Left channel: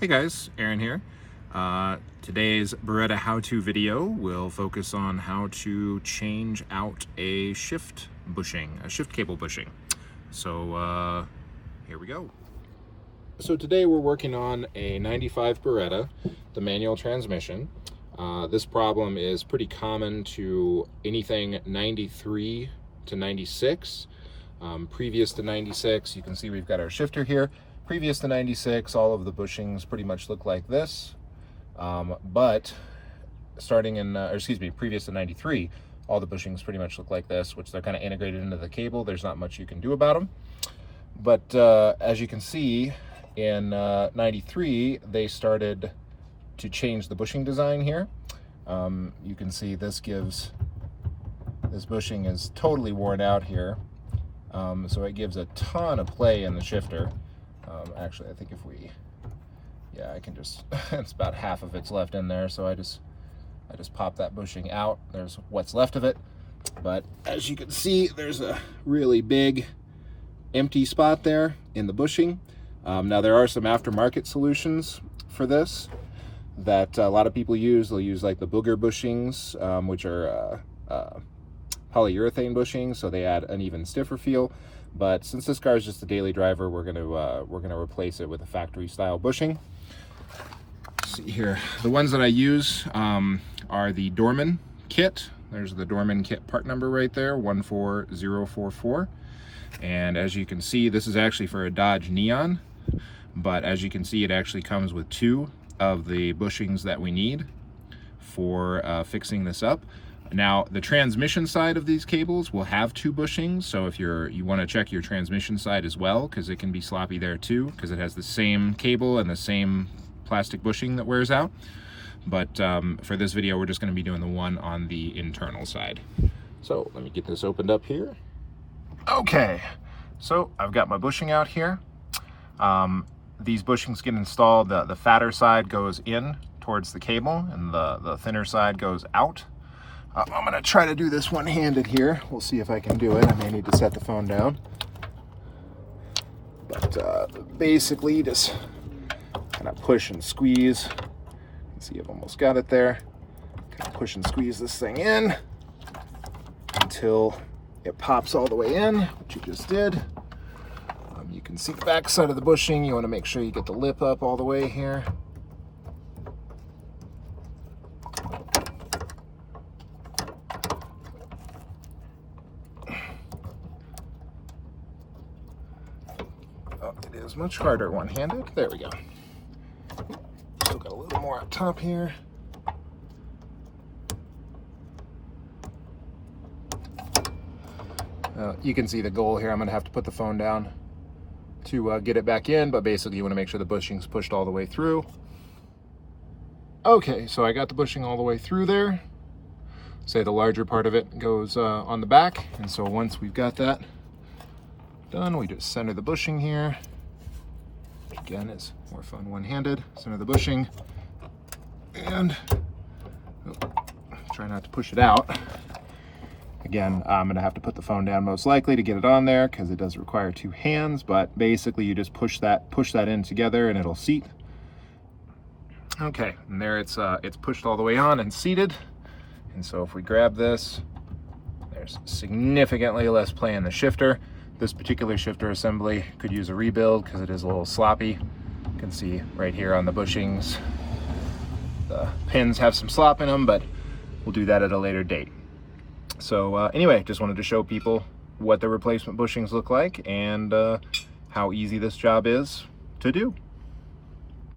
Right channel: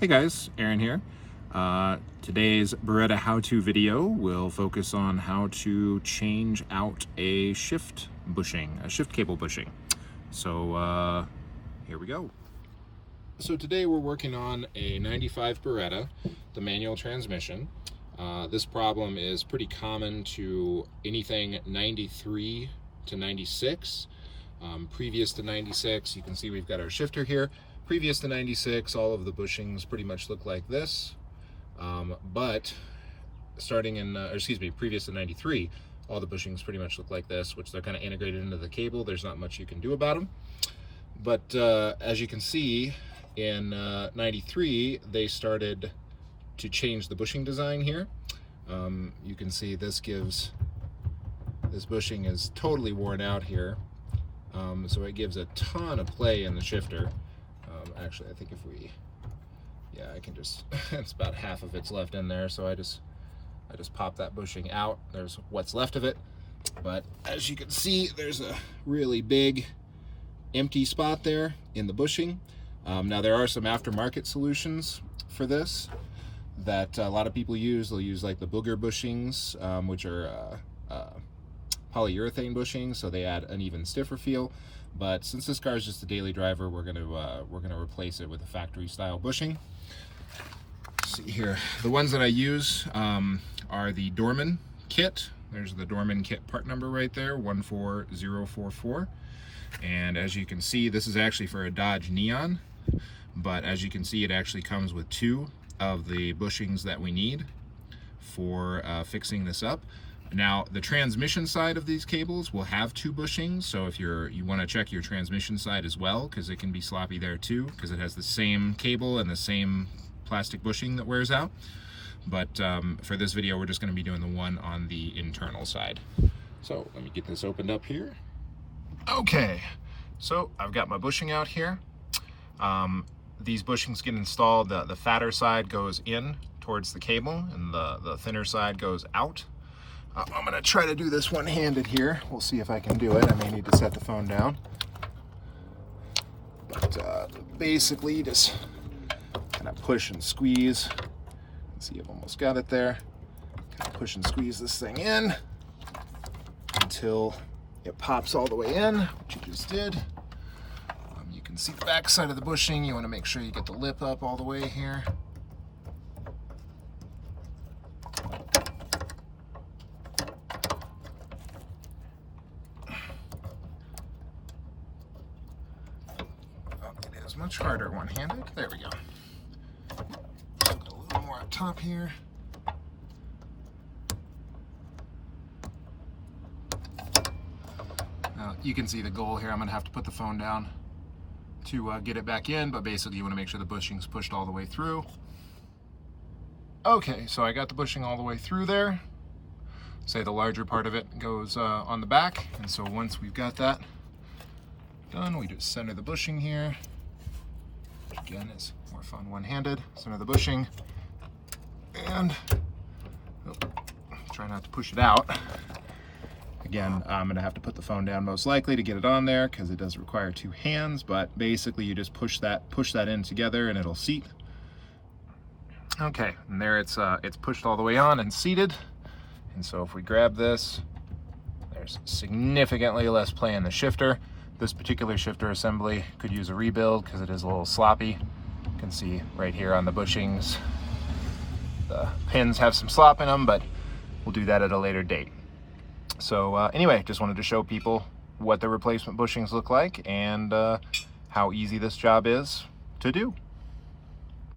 Hey guys, Aaron here. Today's Beretta How-To video will focus on how to change out a shift bushing, a shift cable bushing. So here we go. So today we're working on a 95 Beretta, the manual transmission. This problem is pretty common to anything 93 to 96. Previous to 96, you can see we've got our shifter here. Previous to 96, all of the bushings pretty much look like this. But starting in, previous to 93, all the bushings pretty much look like this, which they're kind of integrated into the cable. There's not much you can do about them. But as you can see, in 93, they started to change the bushing design here. You can see this bushing is totally worn out here. So it gives a ton of play in the shifter. Actually, I think I can just, it's about half of it's left in there, so I just pop that bushing out. There's what's left of it. But as you can see, there's a really big empty spot there in the bushing. Now there are some aftermarket solutions for this that a lot of people use. They'll use like the booger bushings, which are polyurethane bushings, so they add an even stiffer feel. But since this car is just a daily driver, we're gonna replace it with a factory style bushing. Let's see here, the ones that I use are the Dorman kit. There's the Dorman kit part number right there, 14044. And as you can see, this is actually for a Dodge Neon, but as you can see, it actually comes with two of the bushings that we need for fixing this up. Now, the transmission side of these cables will have two bushings, so if you want to check your transmission side as well, because it can be sloppy there too, because it has the same cable and the same plastic bushing that wears out. But for this video, we're just going to be doing the one on the internal side. So let me get this opened up here. Okay, so I've got my bushing out here. These bushings get installed. The fatter side goes in towards the cable, and the thinner side goes out. I'm gonna try to do this one-handed here. We'll see if I can do it. I may need to set the phone down. But basically, just kind of push and squeeze. Let's see, I've almost got it there. Kind of push and squeeze this thing in until it pops all the way in, which you just did. You can see the back side of the bushing. You want to make sure you get the lip up all the way here. It is much harder one-handed. There we go. Still got a little more up top here. You can see the goal here. I'm going to have to put the phone down to get it back in, but basically you want to make sure the bushing's pushed all the way through. Okay, so I got the bushing all the way through there. Say the larger part of it goes on the back, and so once we've got that done, we just center the bushing here. Again, it's more fun one-handed. Center the bushing, and try not to push it out. Again, I'm going to have to put the phone down most likely to get it on there because it does require two hands, but basically you just push that in together and it'll seat. Okay, and there it's pushed all the way on and seated. And so if we grab this, there's significantly less play in the shifter. This particular shifter assembly could use a rebuild because it is a little sloppy. You can see right here on the bushings, the pins have some slop in them, but we'll do that at a later date. So anyway, just wanted to show people what the replacement bushings look like and how easy this job is to do.